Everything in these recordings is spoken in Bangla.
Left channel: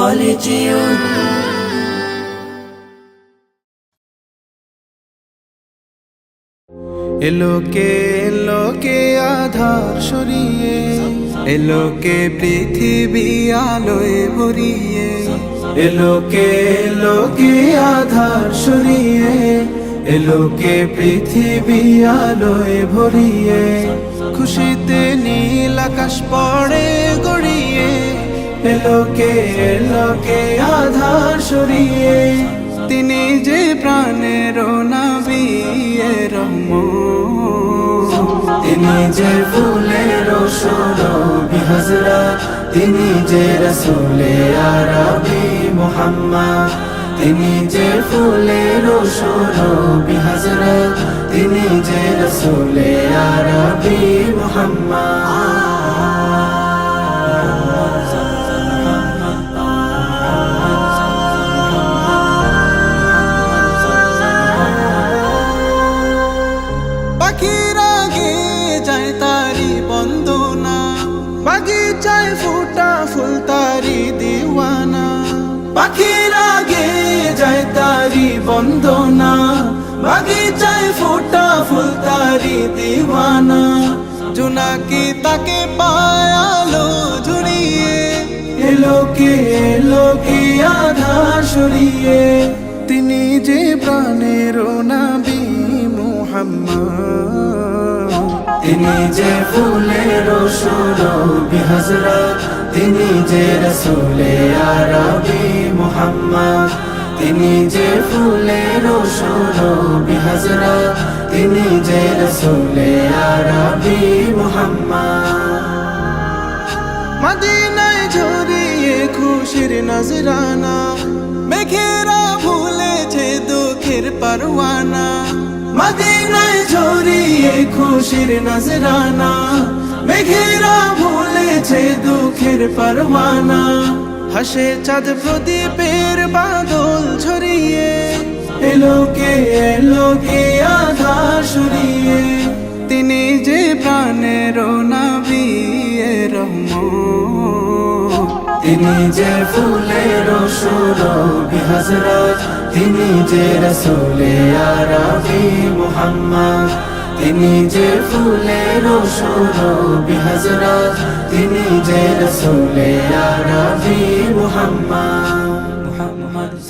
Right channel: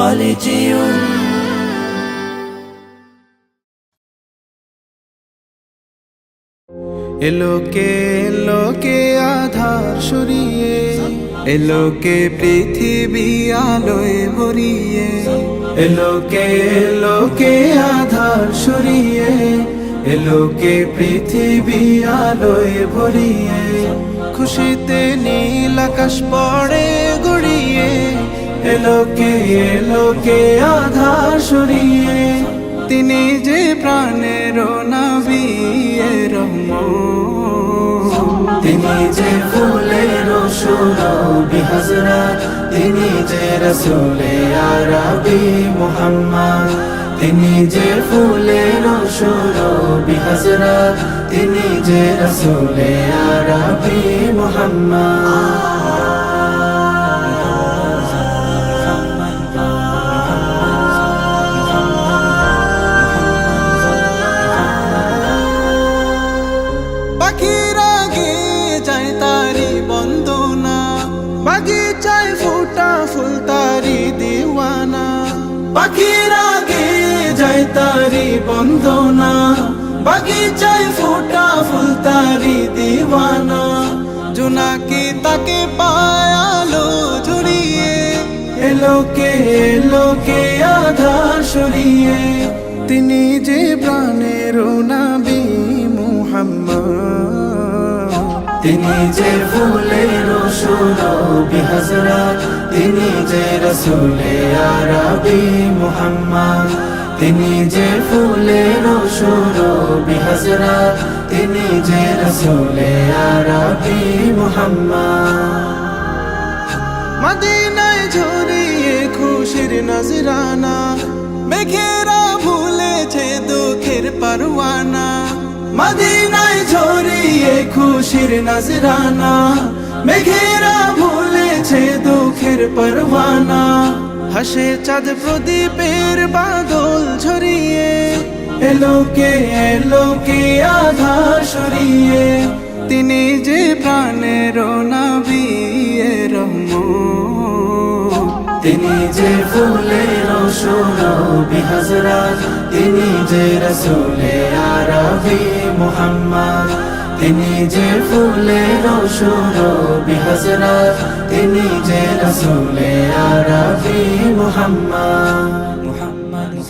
خالدون এলোকে আধার সরিয়ে এলোকে পৃথিবী আলোয় ভরিয়ে এলোকে আধার সরিয়ে এলোকে পৃথিবী আলোয় ভরিয়ে খুশিতে নীল আকাশ পড়ে গড়িয়ে এলোকে আধার সরিয়ে তিনি যে প্রাণের নবী রহমান তিনি যে ফুলের সুরবি হযরত তিনি যে রাসূলে আরবি মুহাম্মদ তিনি যে ফুলের সুরবি হযরত তিনি যে রাসূলে আরবি মুহাম্মদ পাখিরা গে যায় তারি বন্দনা বাগিচায় ফুটা ফুল তারি দিওয়ানা পাখিরা গে যায় তারি বন্দনা বাগিচায় ফুটা ফুল তারি দিওয়ানা জোনাকি তাকে পায়ালো ঝুড়িয়ে এলোকে আধার সরিয়ে তিনি যে প্রাণের নবী মুহাম্মদ তিনি যে ফুলের সুরবি হযরত তিনি যে রাসূলে আরবি মুহাম্মদ তিনি যে ফুলের সুরবি হযরত তিনি যে রাসূলে আরবি মুহাম্মদ মদিনায় ঝরিয়ে খুশির নজরানা মেঘেরা ভুলেছে দুঃখের পরওয়ানা মদিনায় ঝরিয়ে খুশির নজরানা মেঘেরা ভুলেছে দুঃখের পরওয়ানা হাসে চাঁদ প্রদীপের বাদল ঝরিয়ে এলোকে আধার সরিয়ে তিনি যে প্রাণের নবী রহমান তিনি যে ফুলের সুরবি হযরত তিনি যে রাসূলে আরবি মুহাম্মদ তিনি যে ফুলের সুরবি হযরত তিনি যে রাসূলে আরবি মুহাম্মদ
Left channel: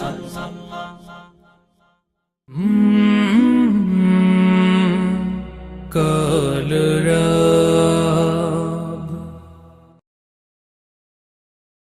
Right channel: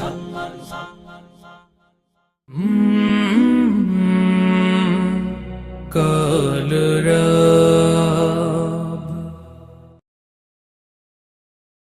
সাল্লাল্লাহু